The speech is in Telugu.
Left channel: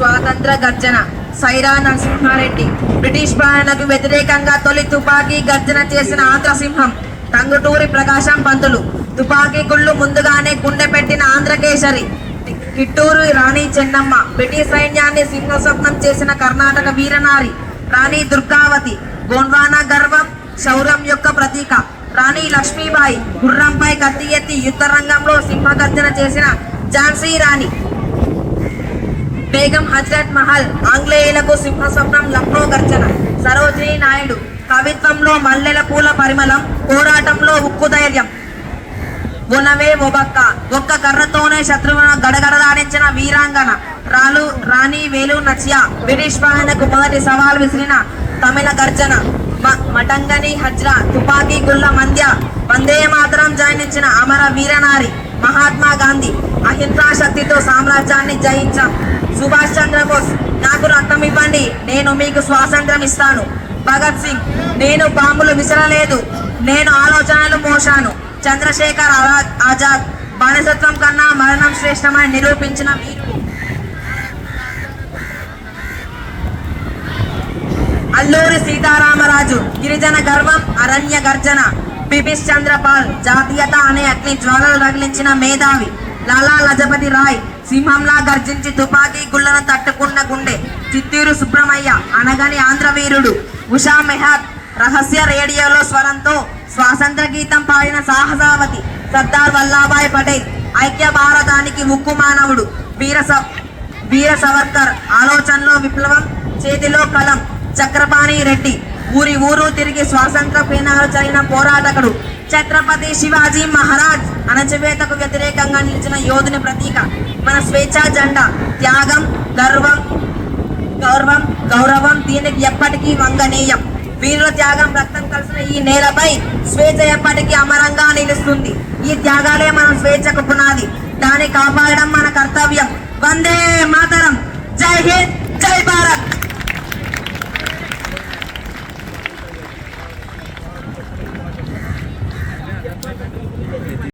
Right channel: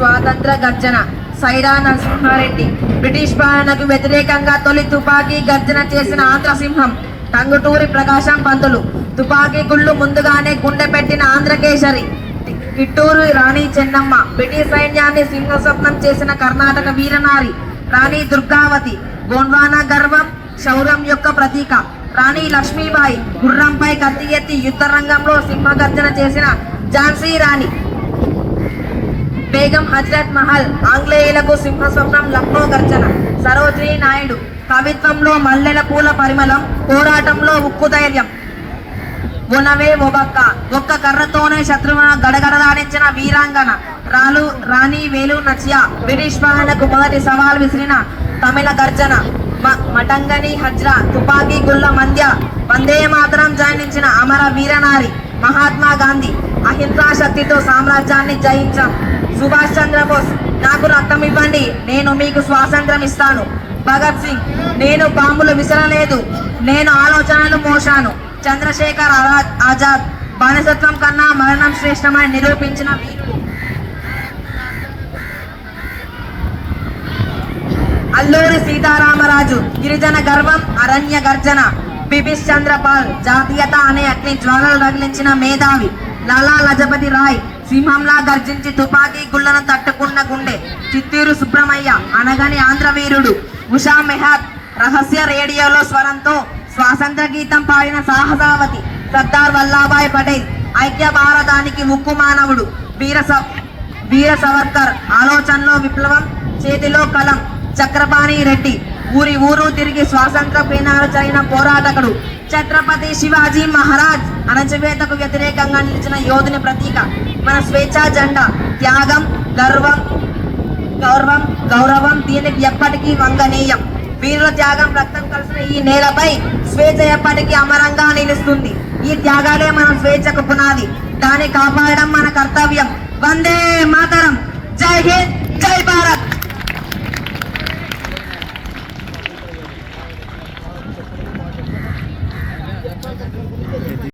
స్వాతంత్ర గర్జన. సైరా నరసింహారెడ్డి. బ్రిటిష్ పాలనకు వ్యతిరేకంగా తొలి తుపాకీ గర్జన చేసిన ఆంధ్ర సింహం టంగుటూరి ప్రకాశం పంతులు. తుపాకీ గుళ్ళు ముందుగానే గుండె పెట్టిన ఆంధ్రకేశరి కిట్టూరు రాణి చెన్నమ్మ. బ్రిటిష్ సైన్యాన్ని సింహస్వప్నం చేసిన కర్ణాటక వీరనారి. రాణి దుర్గావతి. గోండ్వానా గర్వం శౌర్యం యొక్క ప్రతీక. రాణి లక్ష్మీబాయి. గుర్రంపై కత్తి ఎత్తి యుద్ధ రంగంలో సింహగర్జన చేసిన ఝాన్సీ రాణి. బేగం హజరత్ మహల్ ఆంగ్లేయులకు సింహస్వప్నం లక్నో గర్జన. సరోజిని నాయుడు కవిత్వంలో మల్లెల పూల పరిమళం పోరాటంలో ఉక్కు ధైర్యం. ఉనవే ఒబక్క. ఒక్క కర్రతోనే శత్రువున గడగడలాడించిన వీరాంగన. రాలు రాణి వేలు నచియా బ్రిటిష్ పాలనకు మొదటి సవాల్ విసిరిన తమిళ గర్జన. మ- మటంగని హజ్రా తుపాకీ గుల్ల మధ్య వందే మాత్రం జయించిన అమర వీరనారి. మహాత్మా గాంధీ అహింసా శక్తితో సామ్రాజ్యాన్ని జయించాం. సుభాష్ చంద్రబోస్ నాకు రక్తం ఇవ్వండి నేను మీకు స్వాతంత్రం ఇస్తాను. భగత్ సింగ్ నేను బాంబులు విసరలేదు నేను ఆలోచనలు మోశాను. చంద్రశేఖర్ ఆజాద్ ఆజాద్ బానిసత్వం కన్నా మరణం శ్రేష్టమని నిరూపించిన మీరు అల్లూరి సీతారామరాజు గిరిజన గర్వం అరణ్య గర్జన. బిపిష్ చంద్రపాల్ జాతీయత అనే అగ్ని జ్వాలలు రగిలించిన మేధావి లాలా లజపతి రాయ్ సింహంలా గర్జించి తుపాకీ గుళ్ళను తట్టుకున్న గుండె. చిత్తూరు సుబ్రహ్మయ్య అనగని ఆంధ్రవీరుడు ఉషా మెహత్ రహస్య రేడియోలో స్వరంతో స్వాతంత్ర గీతం పాడిన సాహసావతి సర్దార్ వల్లాభాయ్ పటేల్ ఐక్య భారతానికి ఉక్కు మానవుడు. వీర వీర సవర్కర్ ఆలోచనలో విప్లవం చేతిలో కలం చక్రపాణి రెడ్డి ఊరి ఊరు తిరిగి స్వాతంత్ర పీనాలు చదివిన పోరాటకుడు ఛత్రపతి శివాజీ మహారాజ్ అణచివేతకు వ్యతిరేకంగా నిలిచిన యోధుని ప్రతీక. మన స్వేచ్ఛా జెండా త్యాగం గర్వం గౌరవం గౌరవం దీనికి ఎప్పటికీ వంగనీయం వీరుల త్యాగం రక్తం కలిసిన ఈ నేలపై స్వేచ్ఛ ఎప్పటికీ అమరంగా నిలుస్తుంది. ఈ త్యాగాలే మన స్వేచ్ఛకు పునాది. దాన్ని కాపాడడం మన కర్తవ్యం. వందే మాతరం. జై హింద్!